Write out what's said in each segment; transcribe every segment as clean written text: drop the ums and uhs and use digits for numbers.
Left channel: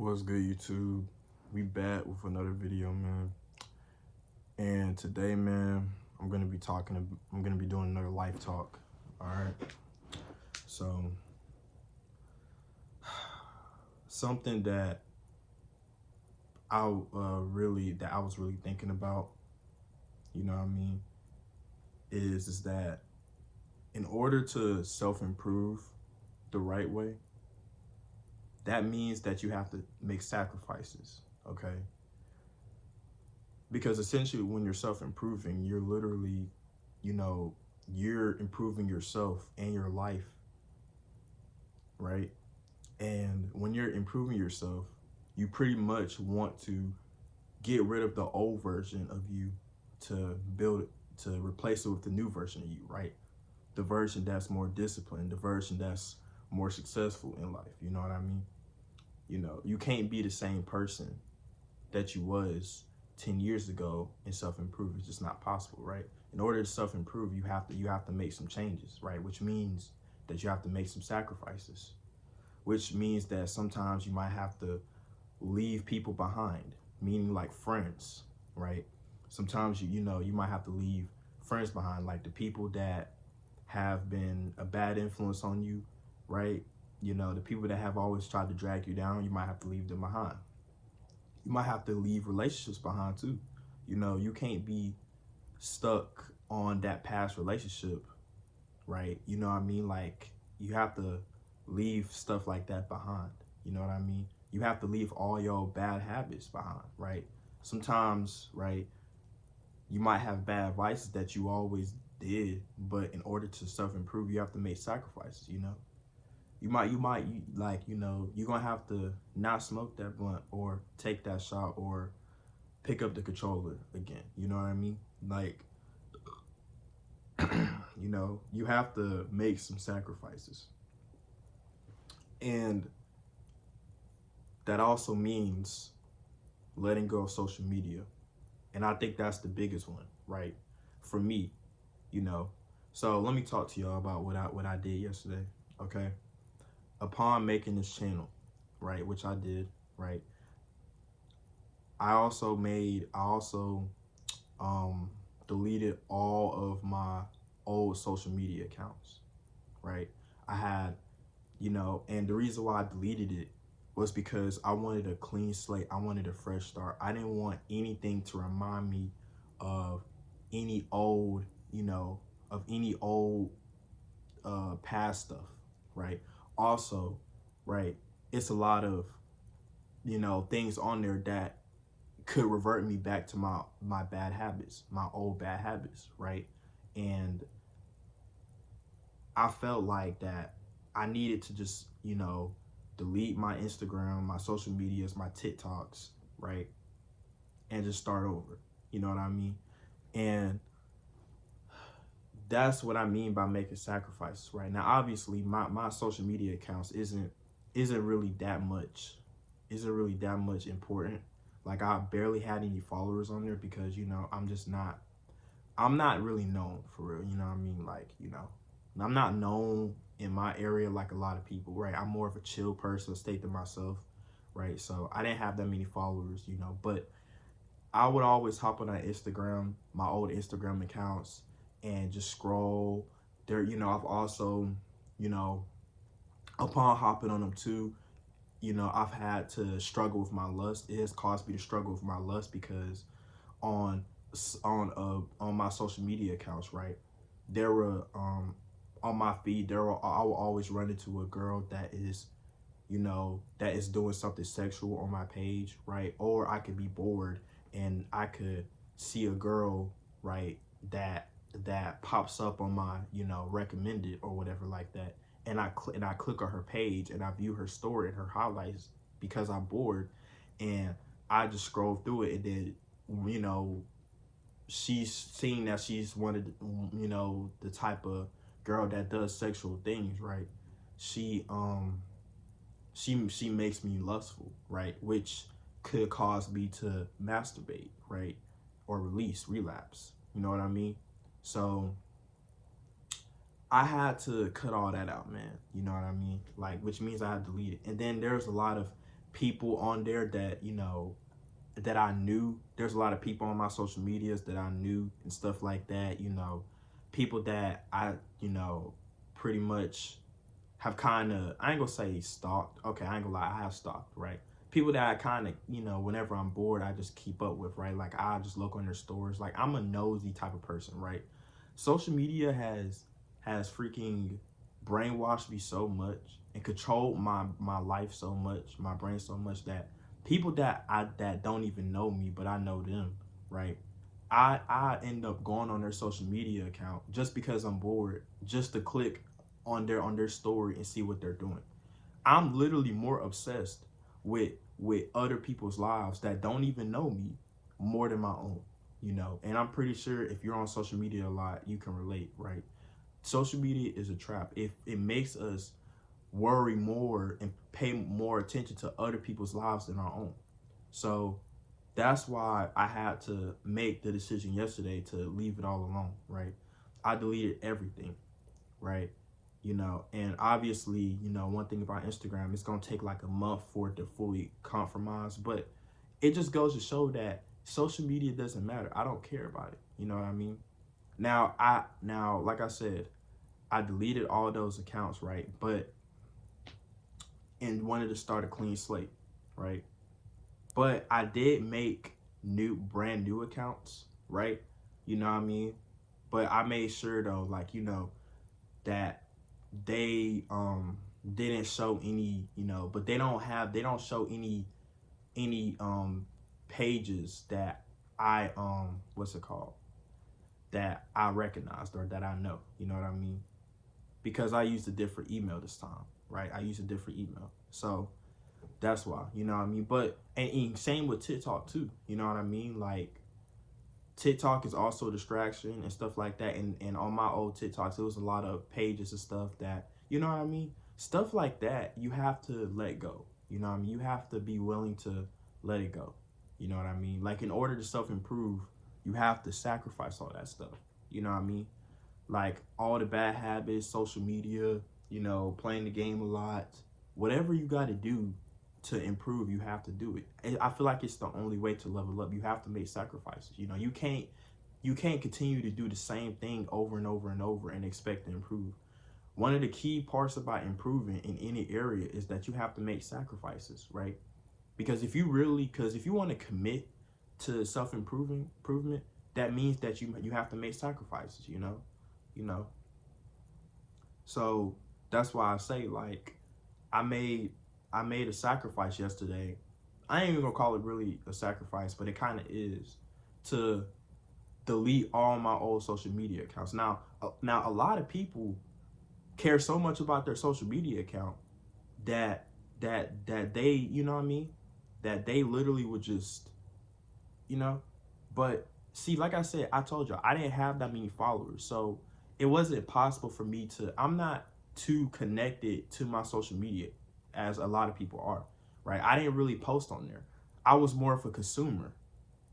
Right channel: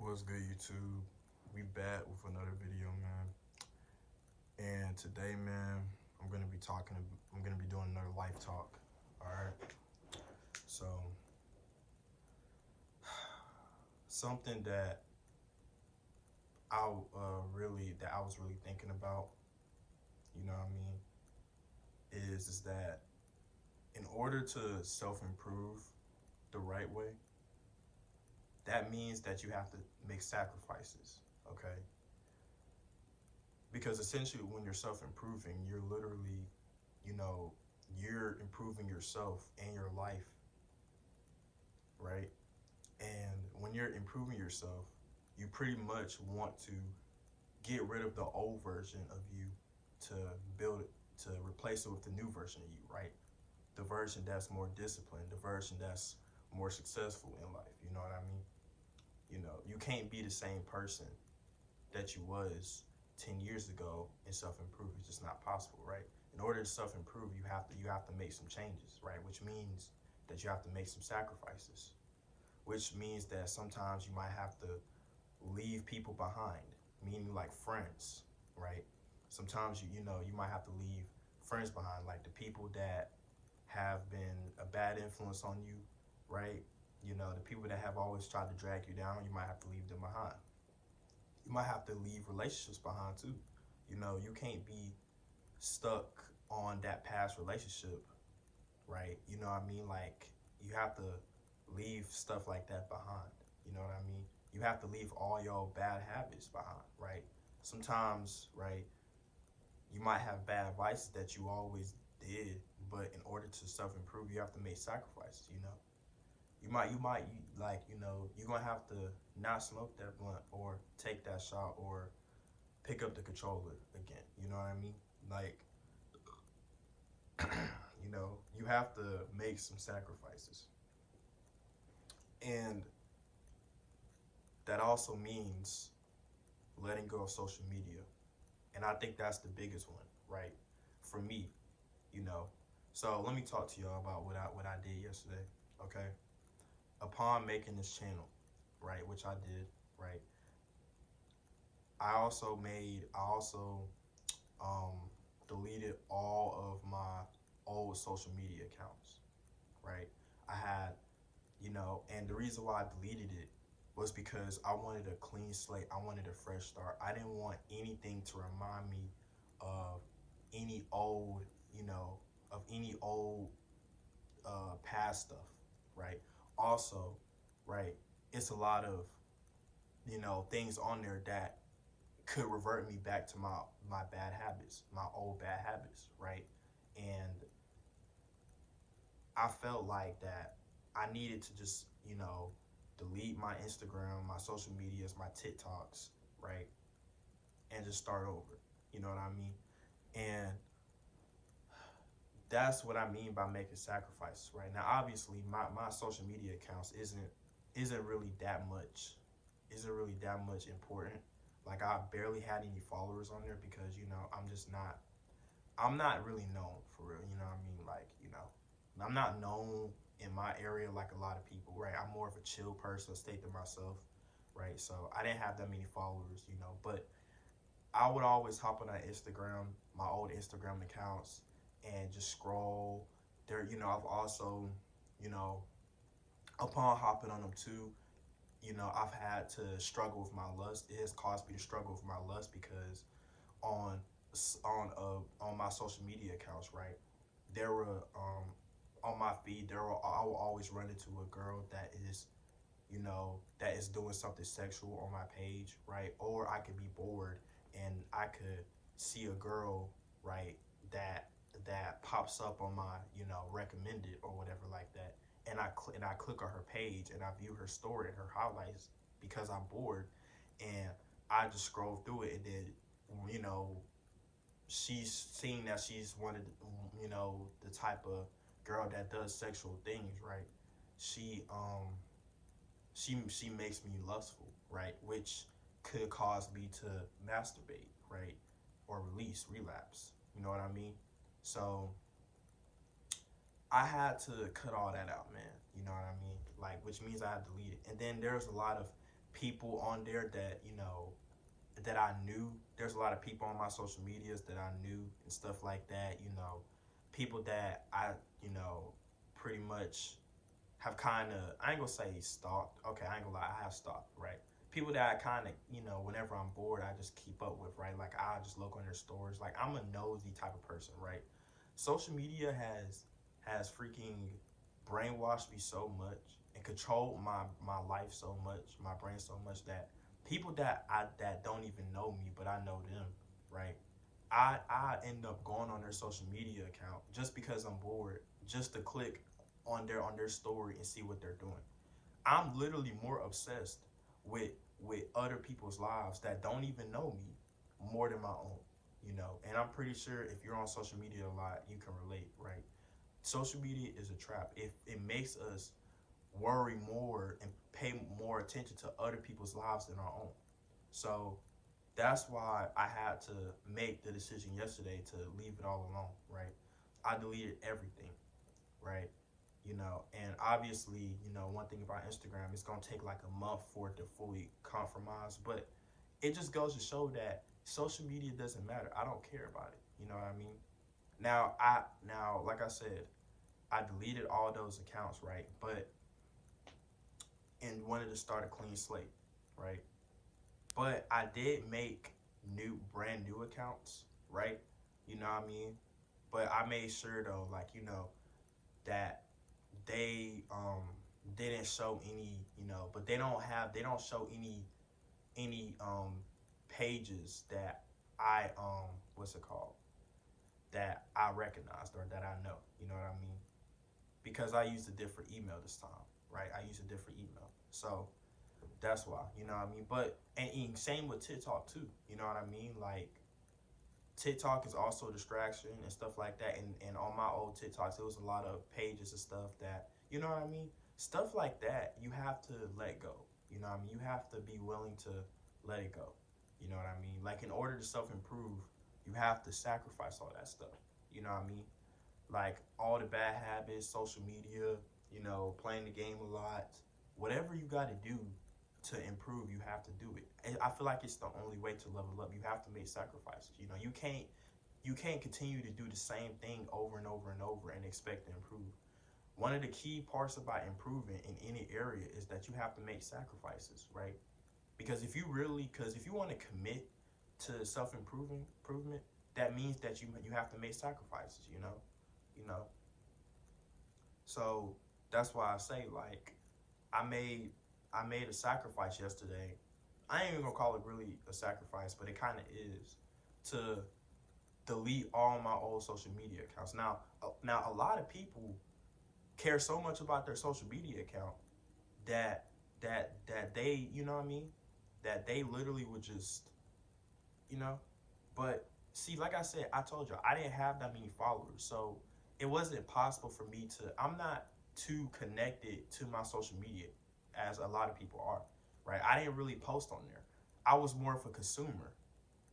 What's good, YouTube? We back with another video, man. And today, man, I'm gonna be doing another life talk. All right. So, something that I was really thinking about, you know what I mean, is that in order to self-improve the right way, that means that you have to make sacrifices. Okay. Because essentially when you're self-improving, you're literally, you're improving yourself and your life, right? And when you're improving yourself, you pretty much want to get rid of the old version of you to build it, to replace it with the new version of you, right? The version that's more disciplined, the version that's more successful in life. You know what I mean? You can't be the same person that you was 10 years ago and self-improve. It's just not possible, right? In order to self-improve, you have to make some changes, right? Which means that you have to make some sacrifices, which means that sometimes you might have to leave people behind, meaning like friends, right? Sometimes you might have to leave friends behind, like the people that have been a bad influence on you, right? The people that have always tried to drag you down, you might have to leave them behind. You might have to leave relationships behind too. You can't be stuck on that past relationship, right? You know what I mean? Like, you have to leave stuff like that behind. You know what I mean? You have to leave all your bad habits behind, right? Sometimes, right, you might have bad vices that you always did, but in order to self-improve, you have to make sacrifices, you're gonna have to not smoke that blunt or take that shot or pick up the controller again. You know what I mean? Like, you have to make some sacrifices. And that also means letting go of social media. And I think that's the biggest one, right? For me, you know. So let me talk to y'all about what I did yesterday, okay? Upon making this channel, right, which I did, right? I also deleted all of my old social media accounts, right? I had, and the reason why I deleted it was because I wanted a clean slate. I wanted a fresh start. I didn't want anything to remind me of any old, of any old past stuff, right? Also, right, it's a lot of, things on there that could revert me back to my bad habits, my old bad habits, right? And I felt like that I needed to just, delete my Instagram, my social medias, my TikToks, right? And just start over. You know what I mean? And that's what I mean by making sacrifices, right? Now, obviously, my social media accounts isn't really that much, important. Like, I barely had any followers on there because, I'm not really known for real. You know what I mean? Like, I'm not known in my area like a lot of people, right? I'm more of a chill person, stay to myself, right? So I didn't have that many followers, but I would always hop on that Instagram, my old Instagram accounts, and just scroll there. I've also, you know, upon hopping on them too, I've had to struggle with my lust. It has caused me to struggle with my lust because on on my social media accounts, right, there were on my feed I will always run into a girl that is, that is doing something sexual on my page, right? Or I could be bored and I could see a girl, right, that pops up on my, recommended or whatever like that, and I click on her page and I view her story and her highlights because I'm bored, and I just scroll through it, and then, you know, she's seeing that she's one of the, the type of girl that does sexual things, right? She she makes me lustful, right? Which could cause me to masturbate, right? Or relapse. You know what I mean? So I had to cut all that out, man. You know what I mean? Like, which means I had to delete it. And then there's a lot of people on there that, you know, that I knew. There's a lot of people on my social medias that I knew and stuff like that, you know, people that I, you know, pretty much have kind of, I ain't gonna say stalked. Okay, I ain't gonna lie, I have stalked, right? People that I kind of, you know, whenever I'm bored, I just keep up with, right? Like, I just look on their stores. Like, I'm a nosy type of person, right? Social media has freaking brainwashed me so much and controlled my life so much, my brain so much, that people that don't even know me, but I know them, right? I end up going on their social media account just because I'm bored, just to click on their story and see what they're doing. I'm literally more obsessed with other people's lives that don't even know me more than my own, you know. And I'm pretty sure if you're on social media a lot, you can relate, right? Social media is a trap. If it makes us worry more and pay more attention to other people's lives than our own. So that's why I had to make the decision yesterday to leave it all alone, right? I deleted everything, right? You know, and obviously, you know, one thing about Instagram, it's going to take like a month for it to fully compromise, but it just goes to show that social media doesn't matter. I don't care about it. You know what I mean? Now, like I said, I deleted all those accounts, right? But, and wanted to start a clean slate, right? But I did make brand new accounts, right? You know what I mean? But I made sure though, like, you know, that they didn't show any, you know, but they don't show any pages that I what's it called? That I recognized or that I know. You know what I mean? Because I used a different email this time, right? I used a different email. So that's why, you know what I mean? But and same with TikTok too. You know what I mean? Like, TikTok is also a distraction and stuff like that. And on my old TikToks, it was a lot of pages and stuff that, you know what I mean? Stuff like that, you have to let go. You know what I mean? You have to be willing to let it go. You know what I mean? Like, in order to self-improve, you have to sacrifice all that stuff. You know what I mean? Like, all the bad habits, social media, you know, playing the game a lot, whatever you got to do to improve, you have to do it. And I feel like it's the only way to level up. You have to make sacrifices. You know, you can't continue to do the same thing over and over and over and expect to improve. One of the key parts about improving in any area is that you have to make sacrifices, right? Because if you want to commit to improvement, that means that you have to make sacrifices, you know. So that's why I say, like, I made a sacrifice yesterday. I ain't even gonna call it really a sacrifice, but it kind of is, to delete all my old social media accounts. Now a lot of people care so much about their social media account that they, you know what I mean, that they literally would just, you know. But see, like I said, I told you I didn't have that many followers, so it wasn't possible for me to. I'm not too connected to my social media as a lot of people are, right? I didn't really post on there. I was more of a consumer.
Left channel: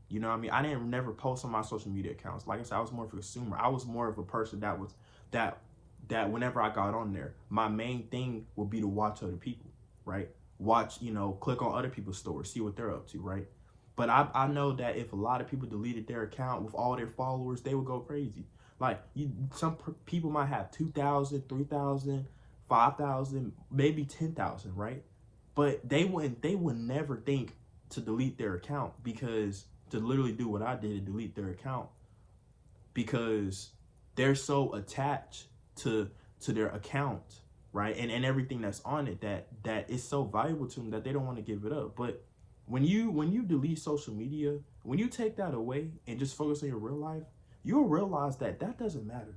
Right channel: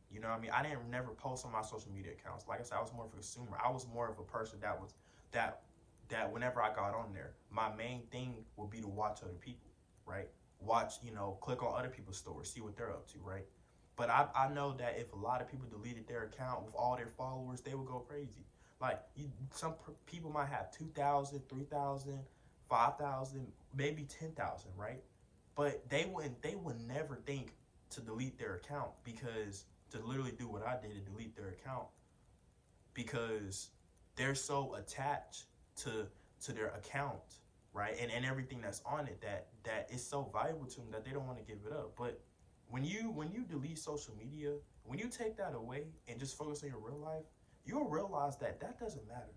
You know what I mean? I didn't never post on my social media accounts. Like I said, I was more of a consumer. I was more of a person that whenever I got on there, my main thing would be to watch other people, right? Watch, you know, click on other people's stories, see what they're up to, right? But I know that if a lot of people deleted their account with all their followers, they would go crazy. Like, people might have 2,000, 3,000, 5,000, maybe 10,000, right? But they would never think to delete their account, because to literally do what I did and delete their account, because they're so attached to their account, right? And everything that's on it, that is so valuable to them that they don't want to give it up. But when you delete social media, when you take that away and just focus on your real life, you'll realize that doesn't matter,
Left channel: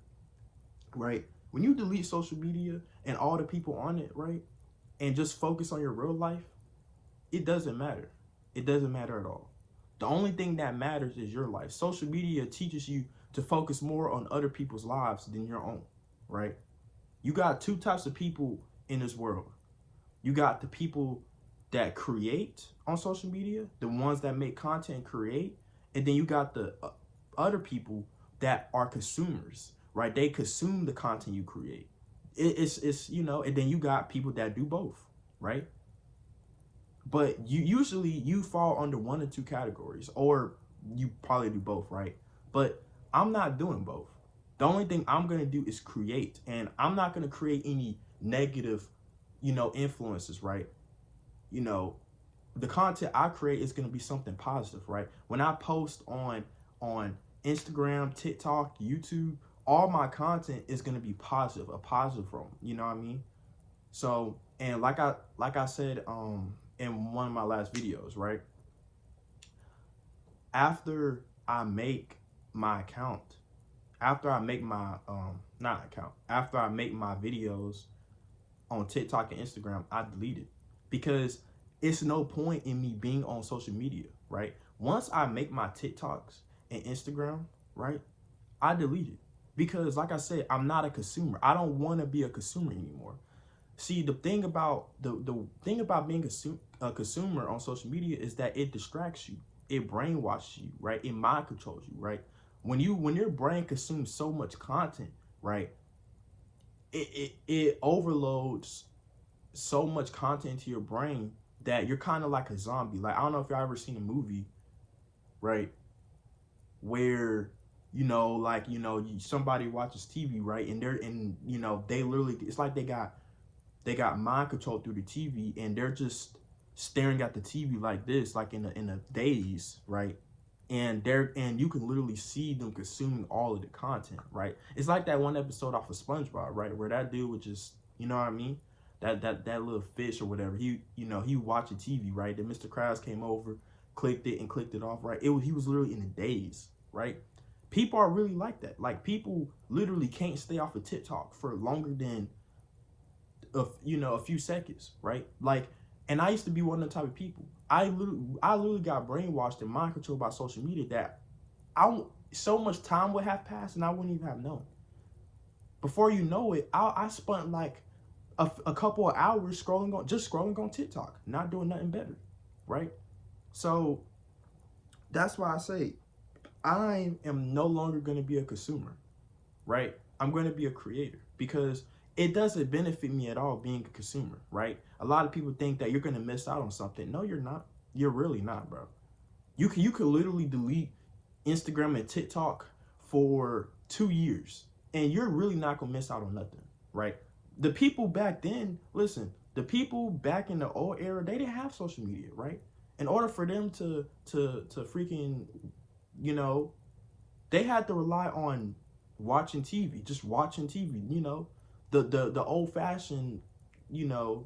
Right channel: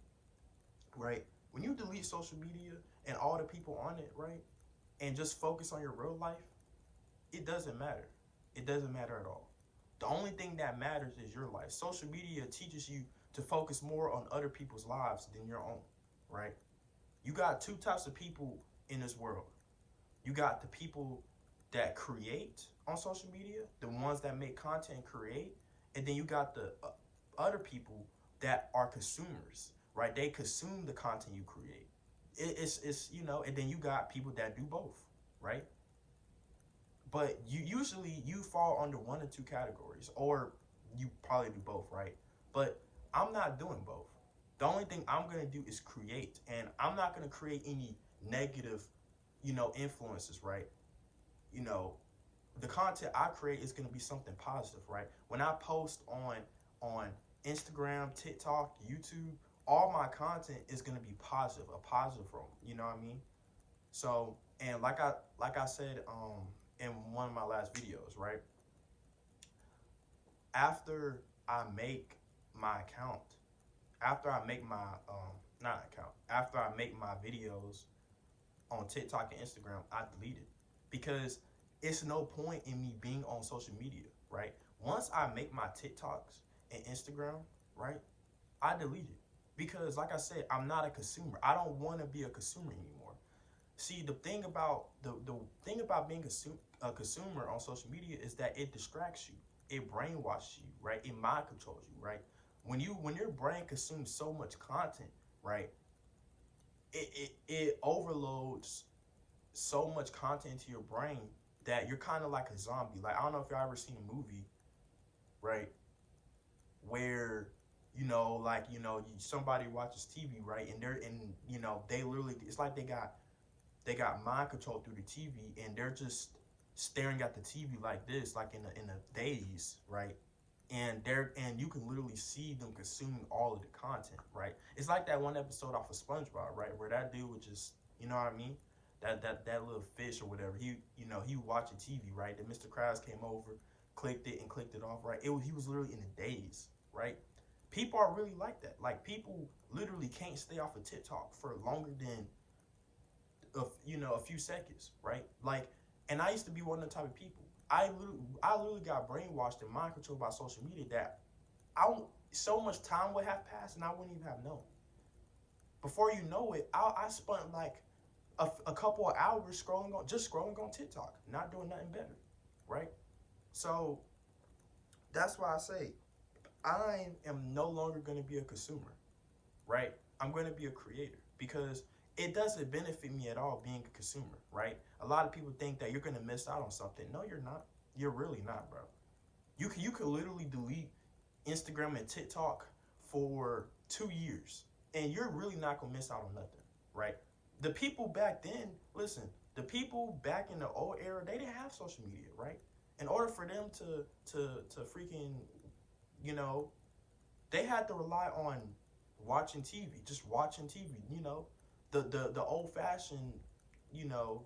right? When you delete social media and all the people on it, right, and just focus on your real life, it doesn't matter. It doesn't matter at all. The only thing that matters is your life. Social media teaches you to focus more on other people's lives than your own, right? You got two types of people in this world. You got the people that create on social media, the ones that make content and create, and then you got the other people that are consumers, right? They consume the content you create. It's you know, and then you got people that do both, right? But you fall under one or two categories, or you probably do both, right? But I'm not doing both. The only thing I'm gonna do is create, and I'm not gonna create any negative, influences, right? You know, the content I create is gonna be something positive, right? When I post on Instagram, TikTok, YouTube, all my content is gonna be positive, a positive from, you know what I mean? So, and like I said in one of my last videos, right? After I make my account, after I make my not account, after I make my videos on TikTok and Instagram, I delete it because it's no point in me being on social media, right? Once I make my TikToks and Instagram, right, I delete it because, like I said, I'm not a consumer. I don't want to be a consumer anymore. See, the thing about the thing about being a consumer on social media is that it distracts you, it brainwashes you, right? It mind controls you, right? When your brain consumes so much content, right, it overloads so much content to your brain that you're kind of like a zombie. Like, I don't know if y'all ever seen a movie, right, where somebody watches TV, right, and they literally, it's like they got mind control through the TV, and they're just staring at the TV like this, like in a daze, right? And you can literally see them consuming all of the content, right? It's like that one episode off of SpongeBob, right, where that dude would just, you know what I mean? That little fish or whatever, he watching TV, right? Then Mr. Krabs came over, clicked it off, right? He was literally in a daze, right? People are really like that. Like, people literally can't stay off of TikTok for longer than a few seconds, right? Like, and I used to be one of the type of people. I literally got brainwashed and mind controlled by social media that so much time would have passed and I wouldn't even have known. Before you know it, I spent like a couple of hours scrolling on TikTok, not doing nothing better, right? So that's why I say I am no longer going to be a consumer, right? I'm going to be a creator because it doesn't benefit me at all being a consumer, right? A lot of people think that you're going to miss out on something. No, you're not. You're really not, bro. You could literally delete Instagram and TikTok for 2 years, and you're really not going to miss out on nothing, right? The people back then, listen, the people back in the old era, they didn't have social media, right? In order for them to freaking, you know, they had to rely on watching TV, just watching TV, the old fashioned, you know,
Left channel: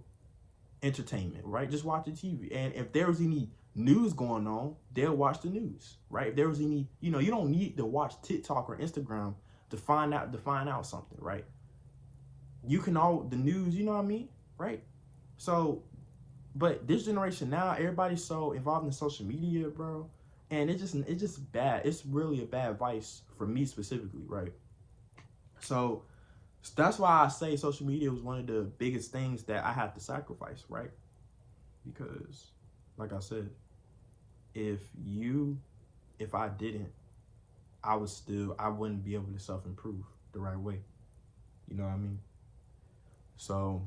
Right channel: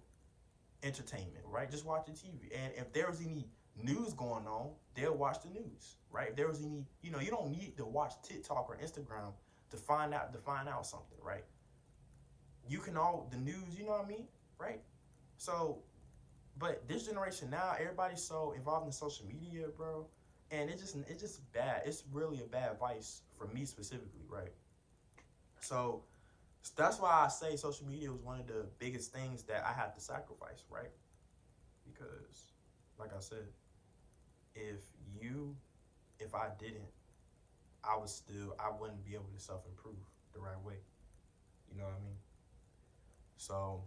entertainment, right? Just watching TV. And if there was any news going on, they'll watch the news, right? If there was any, you don't need to watch TikTok or Instagram to find out something, right? You can the news, you know what I mean? Right? So, but this generation now, everybody's so involved in social media, bro. And it's just bad. It's really a bad vice for me specifically, right? So that's why I say social media was one of the biggest things that I had to sacrifice, right? Because, like I said, if I didn't, I wouldn't be able to self-improve the right way. You know what I mean? So,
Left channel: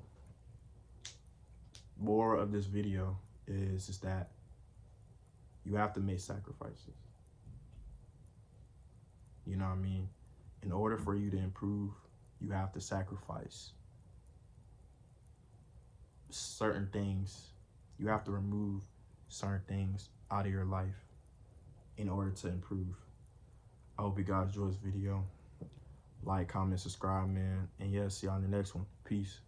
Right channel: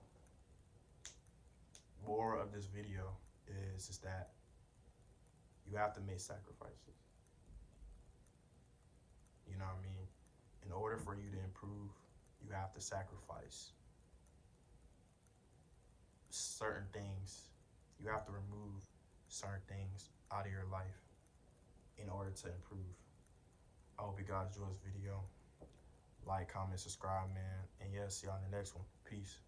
more of this video is that you have to make sacrifices. You know what I mean? In order for you to improve, you have to sacrifice certain things. You have to remove certain things out of your life in order to improve. I hope you guys enjoyed this video. Like, comment, subscribe, man. And yeah, see y'all in the next one. Peace.